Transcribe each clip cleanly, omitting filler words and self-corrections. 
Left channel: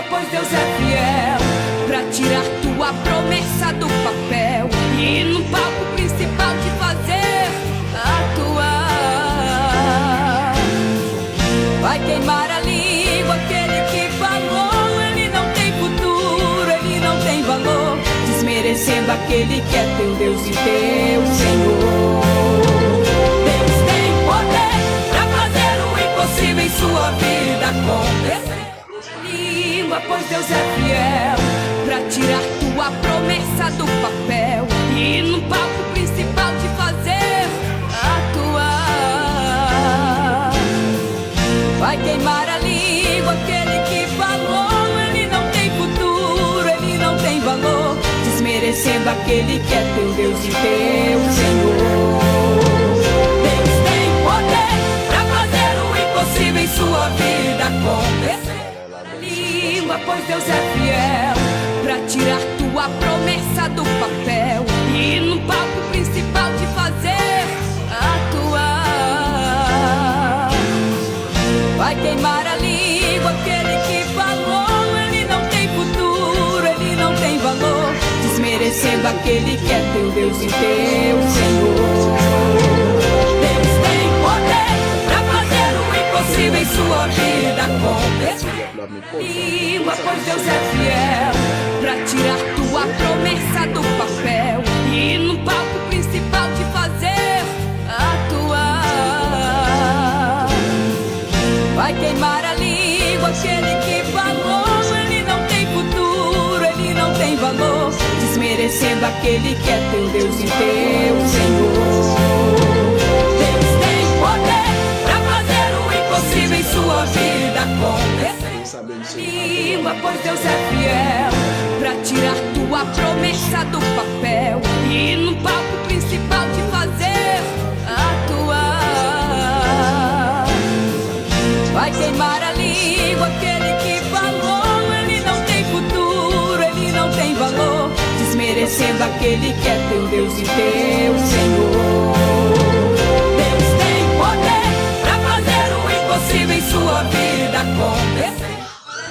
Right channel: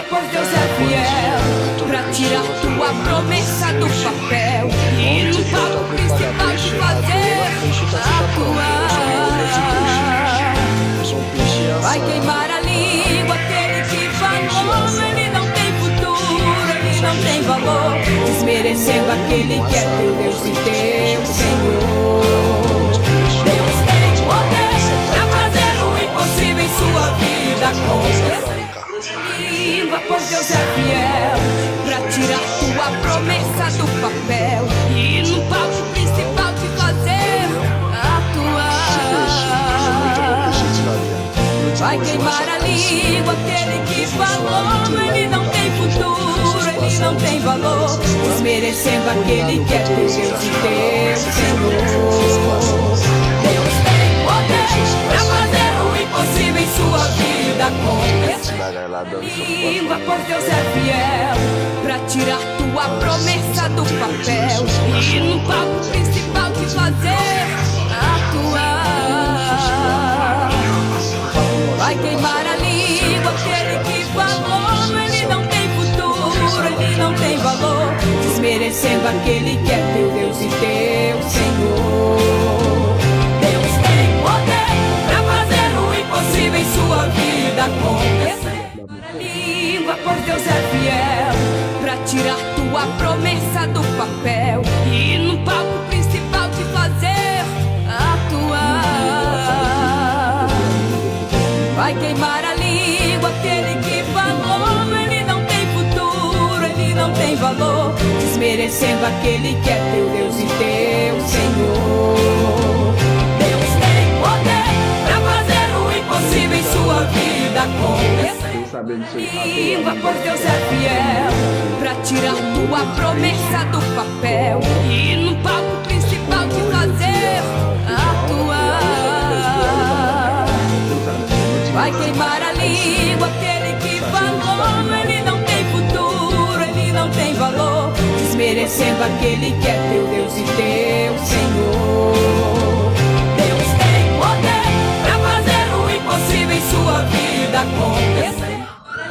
língua, pois Deus é fiel pra tirar tua promessa do papel e no palco principal te fazer atuar. Vai queimar a língua aquele que falou, ele não tem futuro, ele não tem valor, desmerecendo aquele que é teu Deus e teu Senhor. Deus tem poder pra fazer o impossível em sua vida acontecer. Língua, pois Deus é fiel pra tirar tua promessa do papel e no palco principal te fazer atuar. Vai queimar a língua aquele que falou, ele não tem futuro, ele não tem valor, desmerecendo aquele que é teu Deus e teu Senhor. Deus tem poder pra fazer o impossível em sua vida acontecer. Língua, pois Deus é fiel pra tirar tua promessa do papel e no palco principal te fazer atuar. Vai queimar a língua aquele que falou, ele não tem futuro, ele não tem valor, desmerecendo aquele que é teu Deus e teu Senhor. Deus tem poder pra fazer o impossível em sua vida acontecer. Língua, pois Deus é fiel pra tirar tua promessa do papel e no palco principal te fazer atuar. Vai queimar a língua aquele que falou, ele não tem futuro, ele não tem valor, desmerecendo aquele que é teu Deus e teu Senhor. Deus tem poder pra fazer o impossível em sua vida acontecer. Língua, pois Deus é fiel pra tirar tua promessa do papel e no palco principal te fazer atuar. Vai queimar a língua aquele que falou, ele não tem futuro, ele não tem valor, desmerecendo aquele que é teu Deus e teu Senhor. Deus tem poder pra fazer o impossível em sua vida acontecer.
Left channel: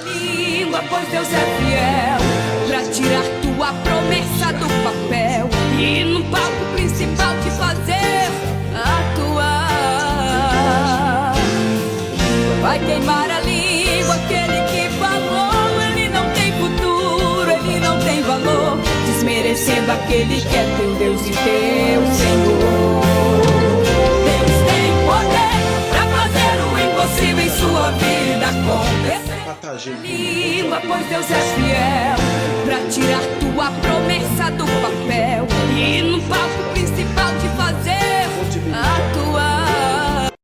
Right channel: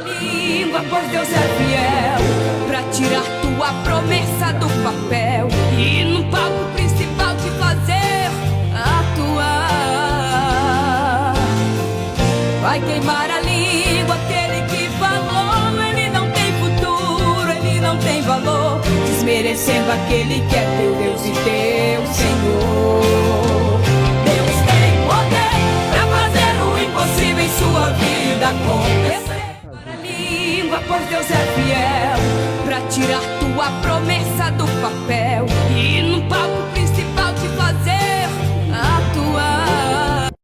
Língua, pois Deus é fiel pra tirar tua promessa do papel e no palco principal te fazer atuar. Vai queimar a língua aquele que falou, ele não tem futuro, ele não tem valor, desmerecendo aquele que é teu Deus e teu Senhor. Deus tem poder pra fazer o impossível em sua vida acontecer. Língua, pois Deus é fiel pra tirar tua promessa do papel e no palco